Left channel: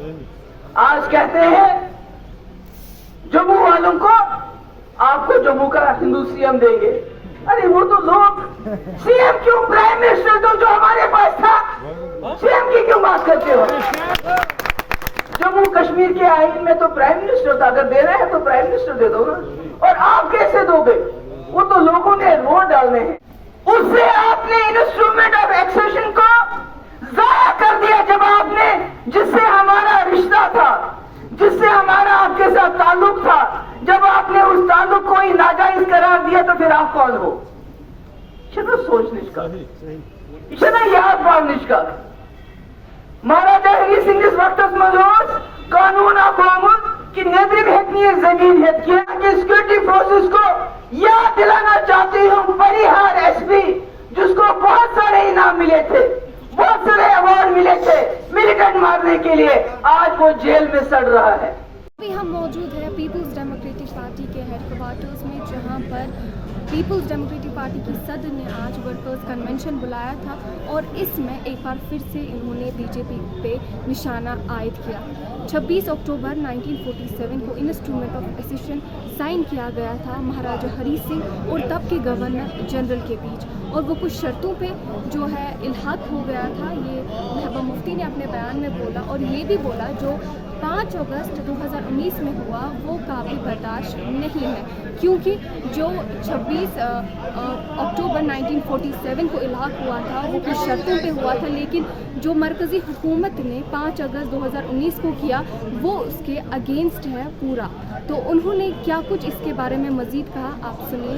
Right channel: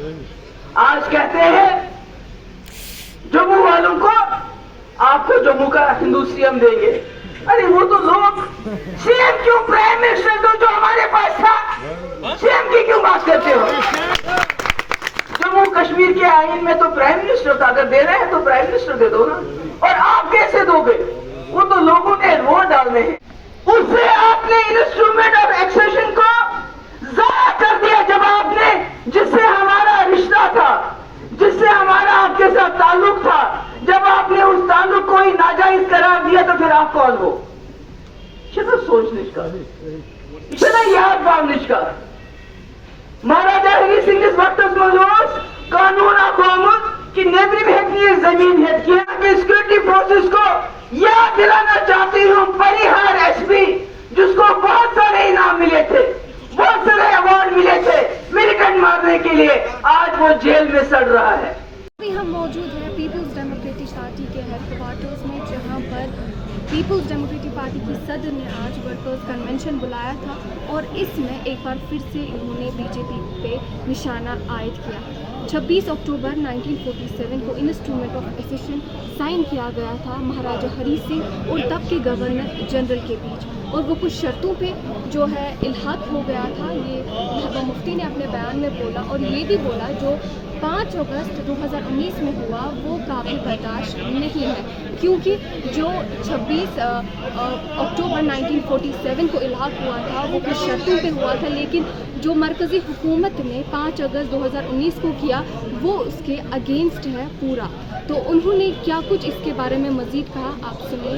आज कहते हैं जम्मू वालों को आपको जम्मू का हिंदू सीएम देंगे। अरे वो तो लोग सीएम क्यों, प्राइम मिनिस्टर तो जो हमारे पास था, सीएम की क्यों बात करते हो? जम्मू कश्मीर के आईन में तो प्राइम मिनिस्टर था, अगर दे रहे हैं तो प्राइम मिनिस्टर दे दो ना। और आप कैसे दोगे? वो तो लोगों ने वोट डालने हैं। उससे आपने इंस्ट्रूमेंट ऑफ एक्सेशन को ज़ाया कर दिया जब आपने, जिससे हमारा रिश्ता था, जिससे हमारा आपके साथ ताल्लुक था, जब आपने उस ताल्लुक को ही नाजायज करार दिया तो फिर आप कौन हो? सोच निष्कार याद बाव निष्कार महाराजा हरी सिंह इस वक्त मजूस कानून आकोमत की नेबरी में हेतनी जमीन है कि सिक्योरिटी फोर्सेस को याद दिलाना चाहती हूँ परिहार एसपी, जिसको बहुत सारे इनाम मिले थे, बहुत सारे अवार्ड मिले थे मिलिटेंट मारने के लिए, आज वो जेल में सड़ रहा है। अभी हम मौजूद हैं पीपल्स डेमोक्रेटिक पार्टी के हेडक्वार्टर्स में, जहां पर पीपल्स डेमोक्रेटिक पार्टी की सदर ने आज वर्कर्स कन्वेंशन बुलाया था और इसमें एक बार फिर से इन्होंने बीजेपी पे निशाना आयद किया। 26 अक्टूबर 1947 को इंस्ट्रूमेंट ऑफ एक्सेशन साइन किया गया था महाराजा हरी सिंह और तब के गवर्नर जनरल के बीच, और वो कुछ शर्तों पे जो है इल्हाक हो गया था। ये महबूबा मुफ्ती ने अपने बयान में बोला, और ये भी बोला जो 5 अगस्त 2019 में हुआ वो काबिल बर्दाश्त नहीं है, क्योंकि जो 26 अक्टूबर 1947 को इल्हाक हुआ था वो कुछ शर्तों पे हुआ था, लेकिन जो मरकज़ी हुकूमत ने 5 अगस्त 2019 को किया वो उसके अगेंस्ट है पूरा। तो उन्होंने क्या कुछ इसके बारे में मज़ीद कहा, आप सुनिए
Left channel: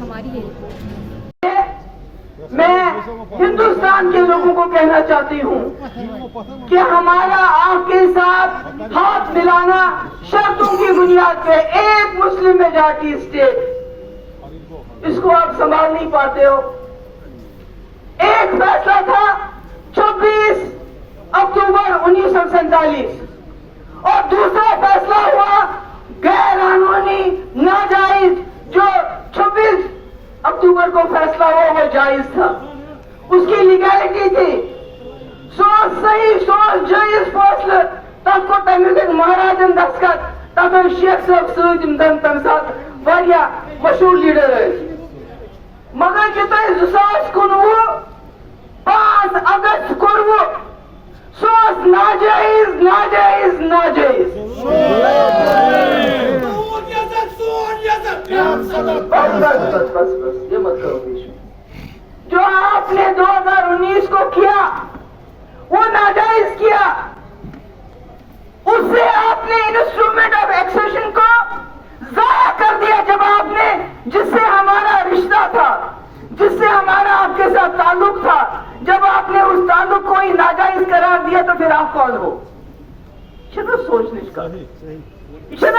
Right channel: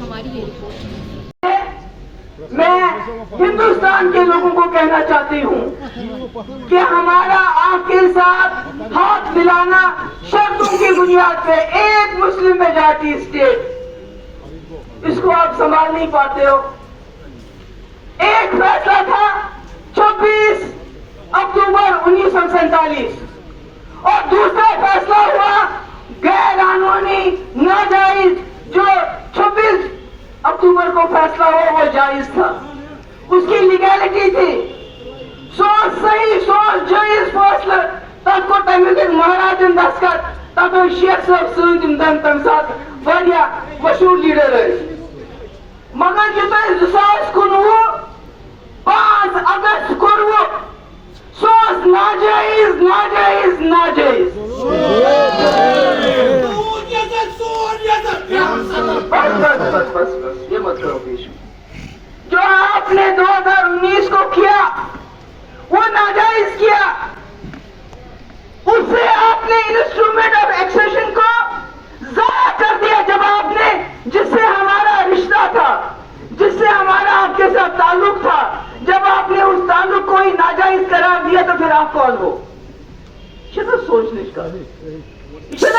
हमारी ये रिपोर्ट। मैं हिंदुस्तान के लोगों को कहना चाहती हूँ कि हमारा आपके साथ हाथ मिलाना शर्तों की बुनियाद पे, एक मुस्लिम मेजॉरिटी स्टेट, इसको आप संभाल नहीं पाते हो। एक फैसला था 26 अक्टूबर 1947 और दूसरा फैसला हुआ गैर कानूनी नाजायज, जो 26 अक्टूबर को फैसला हुआ वो जायज था, उसकी लीगैलिटी थी। सोच सही सोच जायज फैसला तक को तमिल महाराजन दस्खत तब शेख साहब सदम तम साथ वारिया मशहूर लीडर है, मगर जो 2019 5 अगस्त को सोच नाजायज नाजायज नाजायज। बस ये मत करो बीच में। जो आपने 2019 को किया वो नाजायज किया, उससे आपने इंस्ट्रूमेंट ऑफ एक्सेशन को ज़ाया कर दिया जब आपने, जिससे हमारा रिश्ता था, जिससे हमारा आपके साथ ताल्लुक था, जब आपने उस ताल्लुक को ही नाजायज करार दिया तो फिर आप कौन हो? सोच निष्कार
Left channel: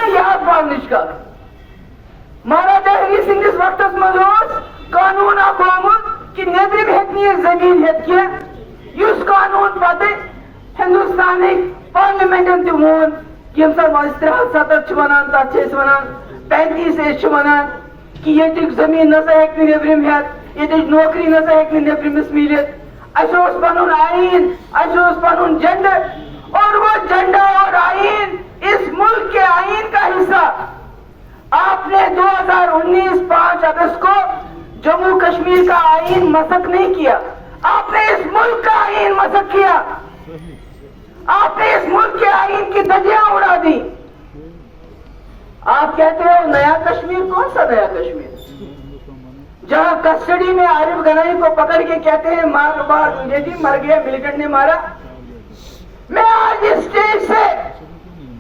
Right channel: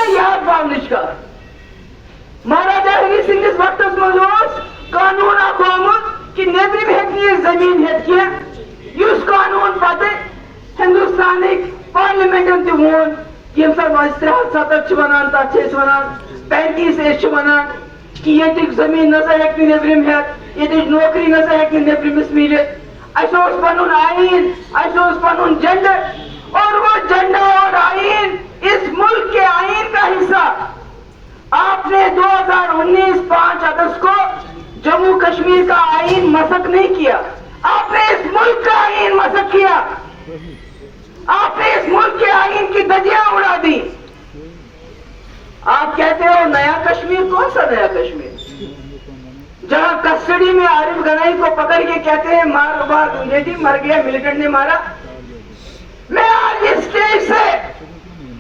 याद बाव निष्कार महाराजा हरी सिंह इस वक्त मजूस कानून आकोमत की नेबरी में हेतनी जमीन हेत उस कानून पते हिंदुस्तान पार्लियामेंट वोन यम सात 73 वनान तथ 35 वनान कि ये जमीन नसा हेक नेबरिम हेत, ये नौकरी नसा हेक नेबरिमस मिलित, अस पनुन आईन, अस पनुन जेंडर, और वो जेंडर और आईन इस मुल्क के आईन का हिस्सा आपने 2019 5 अगस्त को जम्मू कश्मीर का आईन मसक नहीं किया, आपने इस मुल्क का आईन मसक किया, आपने इस मुल्क के आईन की धज्जियां उड़ा दी। आप कहते हो नया कश्मीर, कौन सा नया कश्मीर? जहां कस्टडी में आरिफ गनाई को पकड़ के कहते हैं मर गया, मिलिटेंट ने मारा। मैं आज इस स्टेज से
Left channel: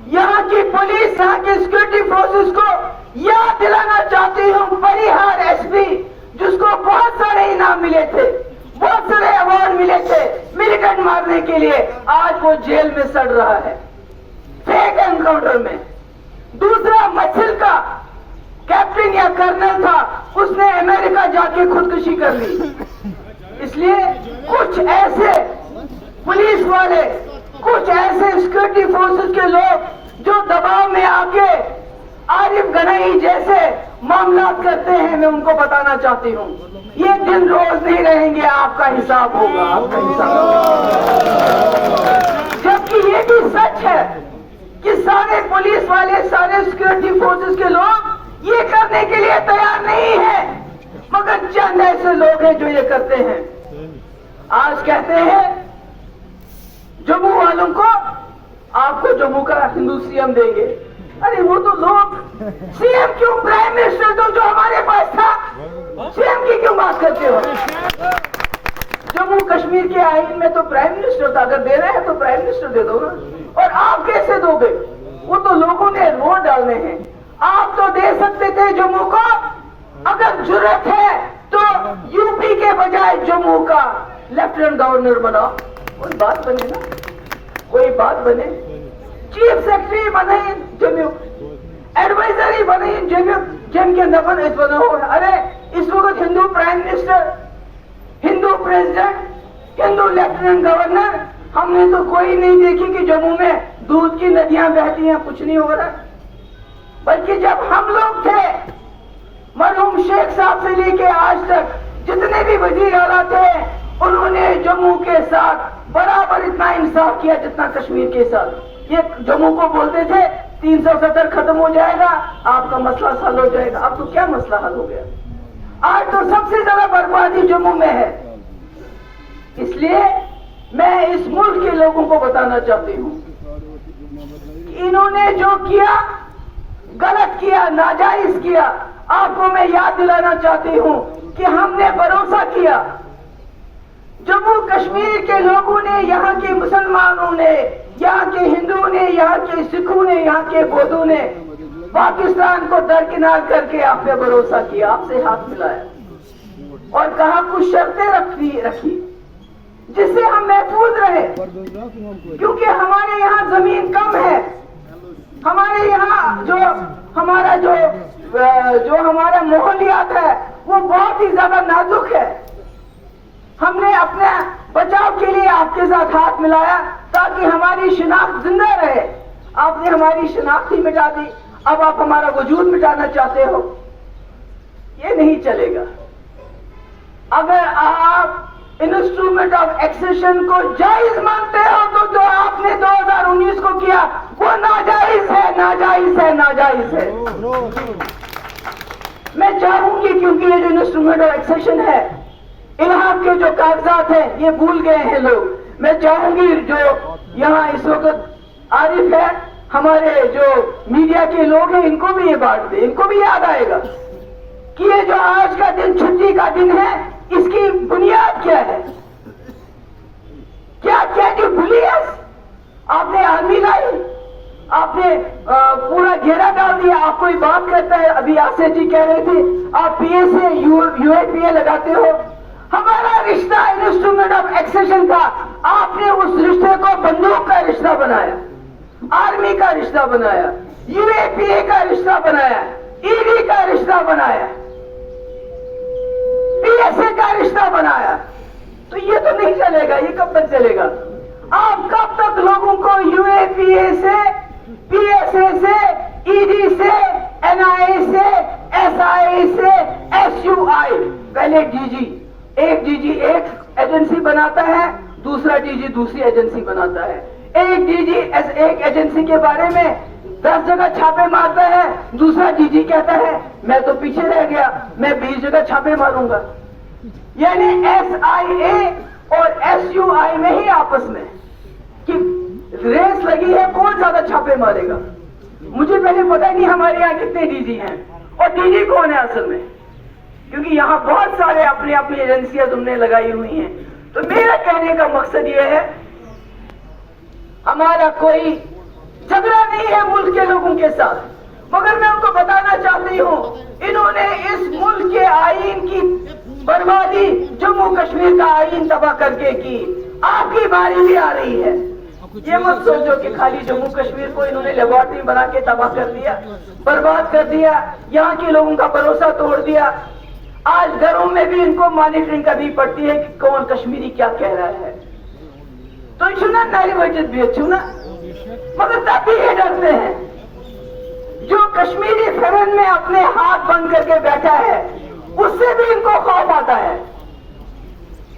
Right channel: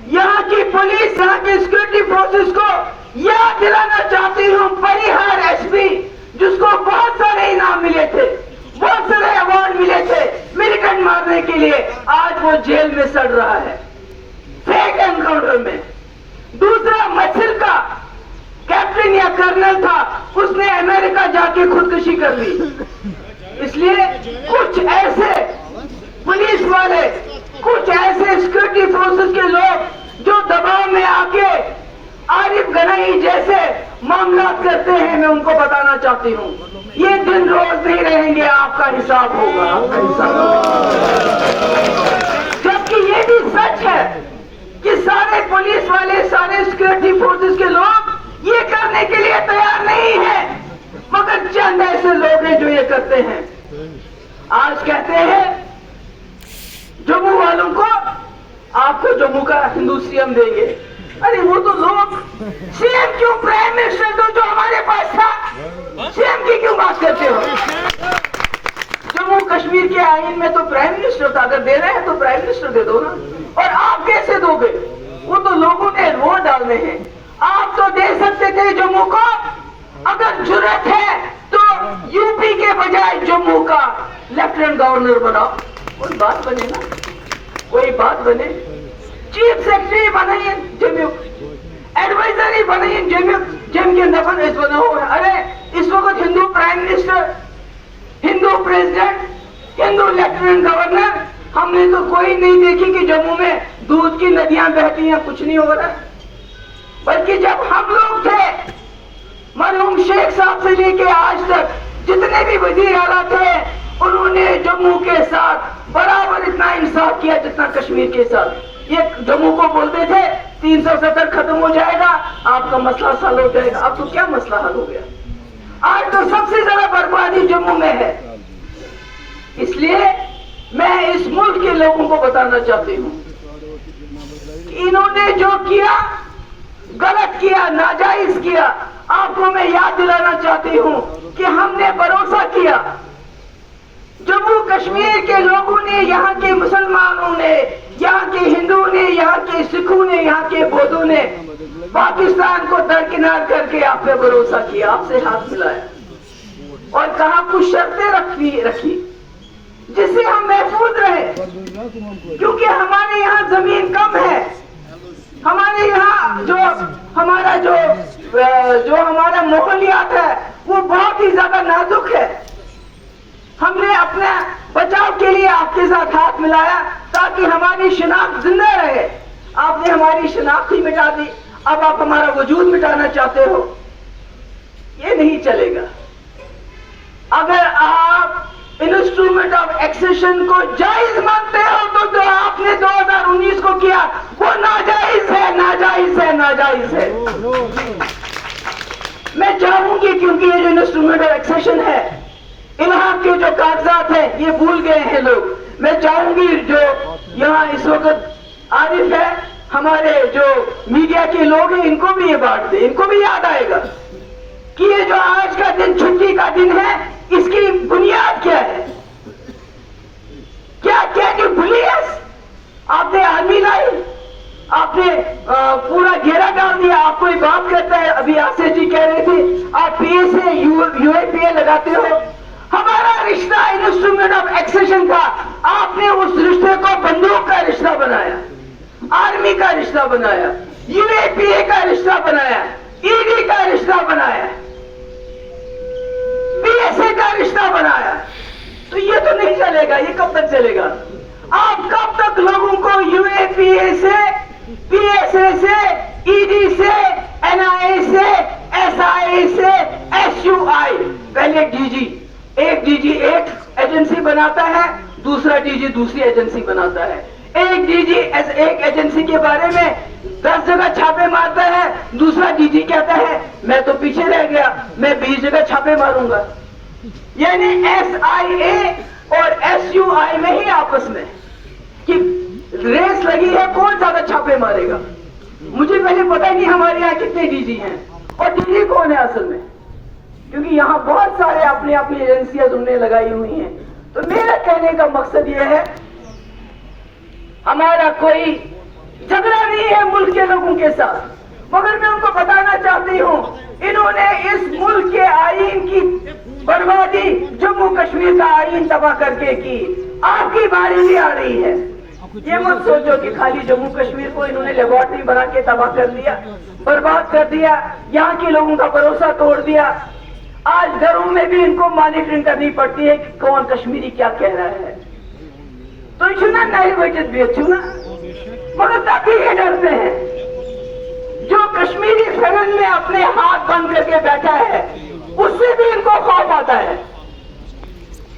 यहाँ की पुलिस, यहाँ की सिक्योरिटी फोर्सेस को याद दिलाना चाहती हूँ परिहार एसपी, जिसको बहुत सारे इनाम मिले थे, बहुत सारे अवार्ड मिले थे मिलिटेंट मारने के लिए, आज वो जेल में सड़ रहा है फेक एनकाउंटर में। दूसरा मछिल का कैप्टन या कर्नल था, उसने अमेरिका जाके खुदकुशी कर ली। इसलिए कुछ ऐसे पुलिस वाले, कुछ ऐसे सिक्योरिटी फोर्सेस के लोग जो दबाव में आके आरिफ गनाई जैसे मामला करते हैं, मैं उनको बताना चाहती हूँ ये दिन रोज नहीं रहेंगे, आपका हिसाब होगा, आपका हिसाब होगा। जबकि ये ये भी सच है कि सारे पुलिस वाले, सारे सिक्योरिटी फोर्सेस के लोग ये करने के लिए तैयार नहीं है, मगर चंद ऐसे लोग हैं जो ये करते हैं। आज कहते हैं जम्मू वालों को आपको जम्मू का हिंदू सीएम देंगे। अरे वो तो लोग सीएम क्यों, प्राइम मिनिस्टर तो जो हमारे पास था, सीएम की क्यों बात करते हो? जम्मू कश्मीर के आईन में तो प्राइम मिनिस्टर था, अगर दे रहे हैं तो प्राइम मिनिस्टर दे दो ना। और आप कैसे दोगे? वो तो लोगों ने वोट डालने हैं। आप तो दे सकते थे जम्मू को, अगर जरूरत है तो यूपी के बजाय जम्मू का लेफ्टिनेंट गवर्नर बनाओ, कोई बात बने ना, कोई बात बने। चीफ सेक्रेटरी बनाइए जम्मू, एडवाइजरी बनाइए जम्मू, जम के अंदर इस बना हुआ है। अरे इस वक्त Hindu prime minister, Hindu president, Hindu lieutenant governor, हमने तो कोई नहीं देखी कि जम्मू में दूध की नदियां बहती हैं, कुछ नहीं हो रहा। बल्कि जब हम लोग थे, मरहूम शेख साहब से लेके आज तक जितने भी वजीर आला थे, उन्होंने जम्मू के साथ बराबर इतना इंसाफ किया जितना कश्मीर के साथ। ये जम्मू को बोलते थे 370 खत्म हो जाएगा, आपका मसला हल हो जाएगा। अब तो क्या मसला हल हो गया? आज तो सबसे ज्यादा बर्बादी जम्मू में है। इसलिए मैं इस मुल्क के लोगों को बताना चाहती हूँ, इन्होंने जो किया गलत किया, नाजायज किया। आपको मैं याद दिलाना चाहती हूँ कि हमने भरोसा किया, जम्मू कश्मीर के लोगों ने, यहाँ के मुसलमानों ने, यहाँ के हिंदुओं ने, यहाँ के सिखों ने, यहाँ के बौद्धों ने पाकिस्तान को दरकिनार करके आप पे भरोसा किया, आपसे हाथ मिलाया और कहा कुछ शर्तें रखी जिससे हम महफूज रहे, क्योंकि हमारे यहाँ जमीन कम है, हमारे यहाँ जो हमारा माहौलियात है वो बहुत ही ज्यादा नाजुक है। हमने अपने बचाव के लिए आपके साथ हाथ मिलाया ताकि हमारी शिनाख्त जिंदा रहे। आपने हमारी शिनाख्त ही मिटा दी, अब आप हमारा वजूद मिटाना चाहते हो, ये नहीं चलेगा। अगर आप इंस्ट्रूमेंट ऑफ एक्सेशन को जायज मानते हो तो जो आपने 2019 को किया वो नाजायज है, नाजायज है, नाजायज है। मैं चाहूंगी, क्योंकि ये जो इंस्ट्रूमेंट ऑफ एक्सेशन है, इलाहाबाद के जो कागजात हैं ये भूल गए हैं लोग। मैं चाहूंगी जो यहाँ इस वक्त आरिफ है, हमारे जो मीडिया के लोग हैं, इनको भी ये बांट दे, इनको भी याद आएगा कि ये जो आज का दिन छुट्टी का दिन है, इसकी बुनियाद क्या है, क्या क्या जो पुलिस आपने आर्मी लाई, आपने पूरा घेरा डाल दिया। आप कोई बात करता है, अभी आसिफ जी कह रहे थे आप पीएसए यूएपीए लगाते हो। हमारा रिश्ता इंस्ट्रूमेंट ऑफ एक्सेशन था, आपने उस रिश्ते को बंदूक का रिश्ता बनाया, आर्मी का रिश्ता बनाया, यूएपीए का रिश्ता बनाया, ईडी का रिश्ता बनाया, पीएसए का रिश्ता बनाया। तो ये तो नहीं चलेगा, ये कब तक चलेगा? आप कब तक लोगों को यूएपीए से, पीएसए से, ईडी से, एनआईए से, एसआईए से, एसयूआई, पहले एक डीजी एक एजेंसी बनाता है, दूसरा डीजी दूसरी एजेंसी बनाता है। एक डीजी एक एजेंसी के बारे में 10 जगह छापे मारता है, दूसरा डीजी कहता है मैं तो पीछे रह गया, मैं 20 जगह छापे मारूंगा। यानी एसआईए और एसयूआई में ही आपस में कि रेस लगी है कौन ज्यादा छापे मारेगा। मुझे पहले पता ही नहीं हमारे यहाँ कितने डीजी हैं और डीजी कौन है असल में, क्योंकि यहाँ बहुत सारे अपनी अपनी एजेंसियां तुमने लगाई हुई हैं। तो मेरा कहने का मकसद यह है, हमारा कोई झगड़ा नहीं है मुल्क के लोगों के साथ, मगर मैं उनको बताना चाहती हूँ, इन्होंने इस मुल्क के आईन की बर्बादी, जम्मू कश्मीर का आईन तबाह करके की। आपकी बारी भी आ रही है। ये मत सोचो कि खाली जम्मू कश्मीर को इन्होंने लेबोरेटरी बना के तबाह कर दिया, बर्बाद कर दिया, यहाँ के लोगों का भरोसा तोड़ दिया। आज घरों में भी इनको मॉनिटरिंग करनी पड़ती है कि कौन कश्मीरी क्या कह रहा है। तो चुना नाइवेटेड भी चुना, मगर तब भी ये डरते हैं। जो कश्मीरी फिरन में अपने हाथ बंद करके बैठा है, उससे भी इनको खौफ आता है।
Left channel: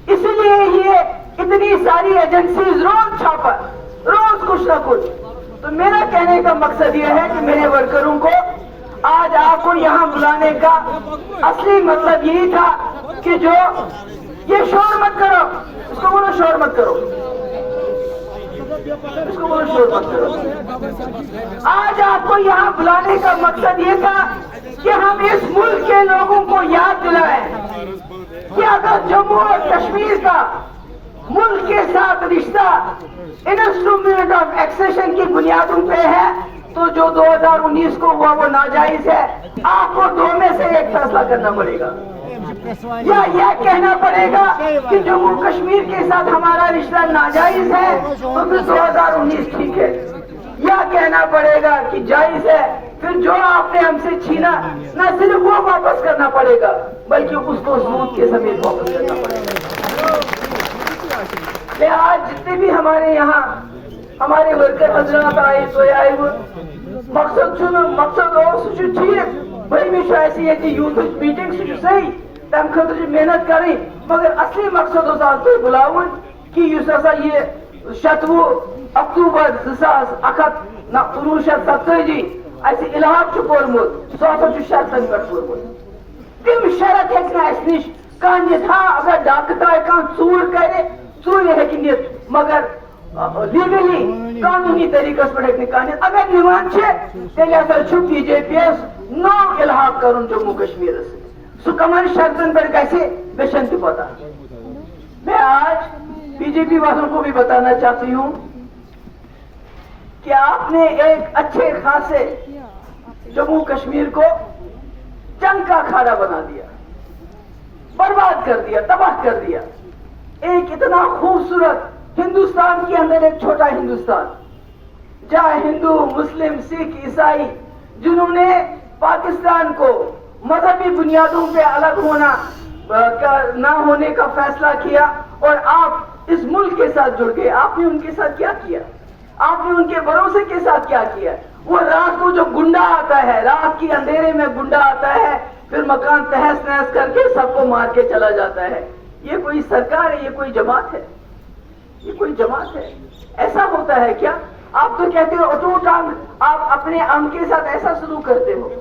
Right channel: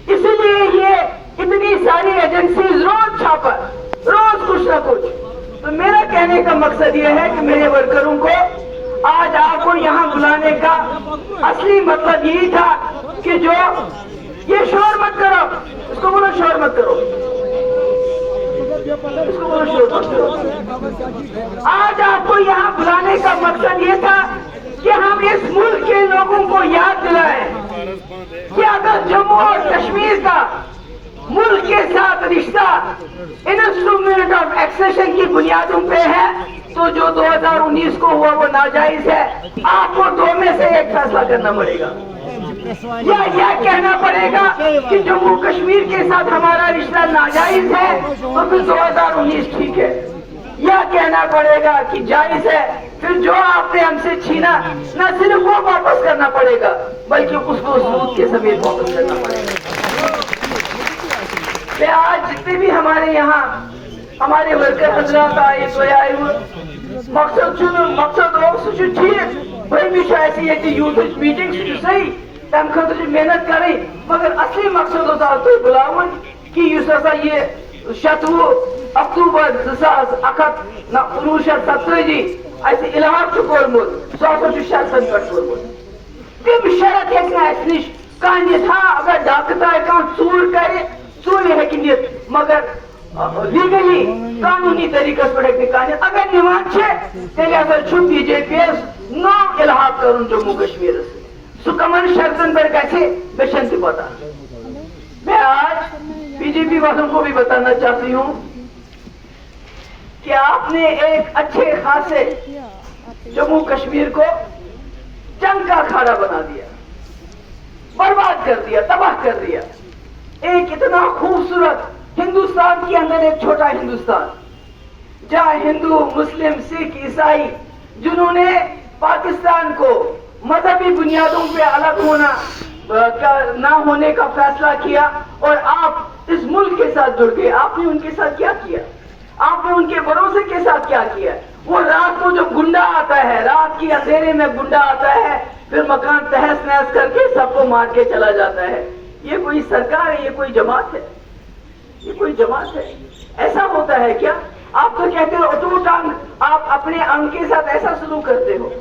इसलिए ये इतनी सारी एजेंसीज रोज छापर, रोज कुछ ना कुछ। तो मेरा कहने का मकसद ये है कि मेरे वर्करों को आज आपको यहाँ बुलाने का असली मतलब यही था कि जो ये शोर मत करो, उसको बोलो शोर मत करो, उसको बोलो शोर मत करो। आज आपको यहाँ बुलाने का मकसद ये था कि हम इस मुल्क के लोगों को याद दिलाएं कि अगर जम्मू और कश्मीर का मुल्क के साथ रिश्ता इंस्ट्रूमेंट ऑफ एक्सेशन की बुनियादों पे है, तो जो 2019 को हुआ वो नाजायज है। आपको दो में से एक फैसला करना पड़ेगा, या यह कहना पड़ेगा कि जम्मू कश्मीर के साथ हमारा रिश्ता नाजायज है तो फिर 2019 ठीक है, या कहना पड़ेगा कि जायज है, फिर जो आपने हमसे छीना न सिर्फ वो वापस करना पड़ेगा बल्कि उसको सूद के समेत वापस करना पड़ेगा। मैं आज जितने भी हमारे यहाँ हमारे वर्कर हजरात आए तो आए वो मकसद भाई मैं ऐसी है यूथ मीटिंग सही तम खतर मेहनत करें, मगर असली मकसद तो बुलावन कि ये 7 अक्टूबर 1970 ऐसे इलाहाब कोर्मुत सह शर्तन पे तम शरत हे नश कह अगर डाकता चूर करे चूर हे मगर लीगली कानूनी तरीकस पे कह अगर निवान तेल बीजेपी नाम इलाहाब कर जम्मू कश्मीर सह कमन शर्तन पर गशन पता। मैं आज बीजेपी वालों को भी बताना चाहती हूँ कि आपने एक अच्छे खासे जम्मू कश्मीर को जंग का अखाड़ा बना दिया, बर्बाद कर दिया, तबाह कर दिया। एक इतना खूबसूरत हिंदुस्तान के अंदर एक छोटा हिंदुस्तान जहाँ हिंदू मुस्लिम सिख ईसाई जिन्होंने पाकिस्तान को मजहबी बुनियादों पे अलग होना ना होने का फैसला किया और आप इस मुल्क के साथ जुड़ गए। आपने उनके साथ क्या किया? आपने उनके भरोसे के साथ क्या किया? वो रात को जो गुंडा आता है, रात के अंधेरे में गुंडा आता है, फिर मकान तहस नहस करके सबको मार के चला जाता है। ये कोई सरकार है? ये कोई जमात है? ये कोई जमात है? ऐसा होता है क्या? आप तो कहते हो अटूट अंग, आप अपने अंग के साथ ऐसा सलूक करते हो।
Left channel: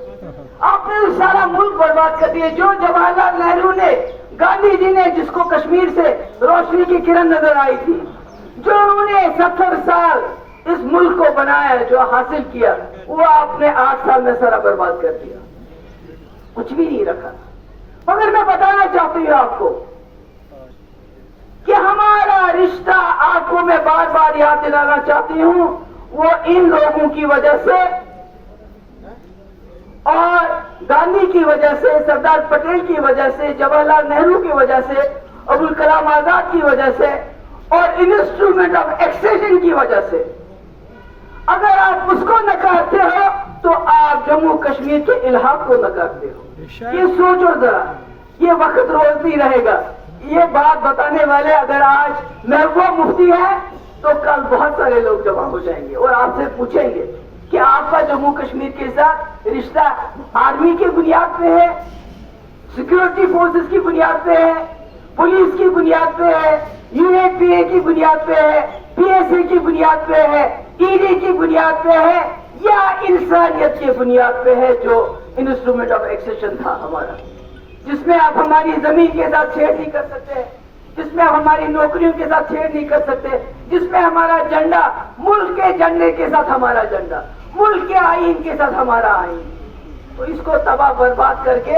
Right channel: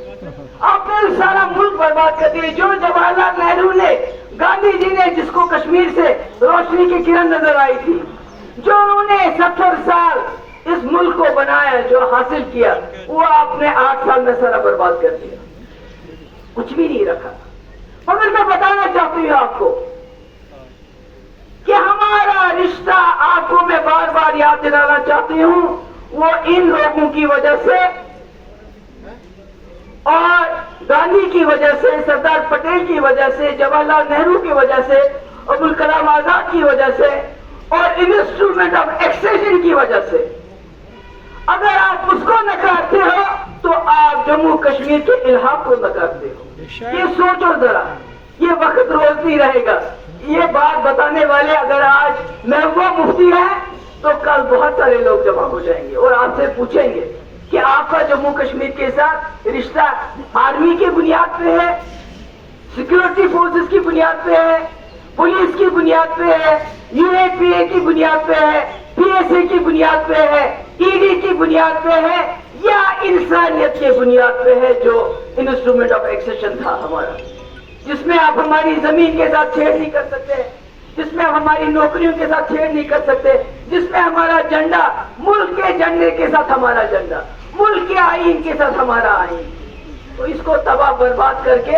आपने सारा मुल्क बर्बाद कर दिया। जो जवाहरलाल नेहरू ने, गांधी जी ने, जिसको कश्मीर से रोशनी की किरण नजर आई थी, जो उन्होंने 70 साल इस मुल्क को बनाया, जो हासिल किया, वो आपने 8 साल में सारा बर्बाद कर दिया, कुछ भी नहीं रखा। मगर मैं बताना चाहती हूँ आपको कि हमारा रिश्ता, आपको मैं बार बार याद दिलाना चाहती हूँ, वो इन लोगों की वजह से और गांधी की वजह से, सरदार पटेल की वजह से, जवाहरलाल नेहरू की वजह से, अबुल कलाम आजाद की वजह से और इंस्ट्रूमेंट ऑफ एक्सेशन की वजह से। अगर आप उसको नकारते हो तो आप जम्मू कश्मीर के इलाहाब को नकारते हो। ये सोचो जरा, ये वक्त रोज नहीं रहेगा। ये बात बताने वाले अगर आज महबूबा मुफ्ती है तो कल बहुत सारे लोग जमा हो जाएंगे और आपसे पूछेंगे कि आपका जम्मू कश्मीर के साथ रिश्ता आर्मी की बुनियाद पे है, सिक्योरिटी फोर्सेस की बुनियाद पे है, पुलिस की बुनियाद पे है, यूएपीए की बुनियाद पे है, पीएसए की बुनियाद पे है, ईडी की बुनियाद पे है, या इंसानियत की बुनियाद पे है, जो इंस्ट्रूमेंट ऑफ एक्सेशन था हमारा, जिसमें आप हमारी जमीन के साथ छेड़ नहीं कर सकते, जिसमें आप हमारी नौकरियों के साथ छेड़ नहीं कर सकते, जिसमें हमारा झंडा, मुल्क के झंडे के साथ हमारा झंडा, मुल्क के आईन के साथ हमारा आईन। तो इसको तबाह बर्बाद करके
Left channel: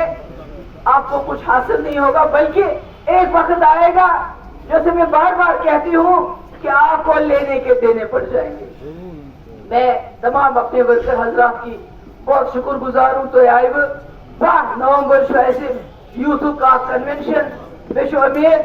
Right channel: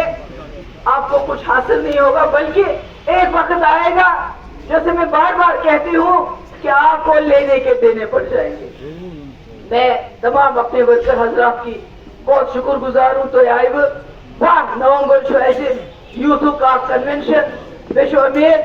आपको कुछ हासिल नहीं होगा, बल्कि एक वक्त आएगा, जैसे मैं बार बार कहती हूँ, कि आपको लेने के देने पड़ जाएंगे। मैं तमाम अपने वर्कर हजरात की बहुत शुक्रगुजार हूँ। तो आए 5 नवंबर यूथ का कन्वेंशन, मे उम्मीद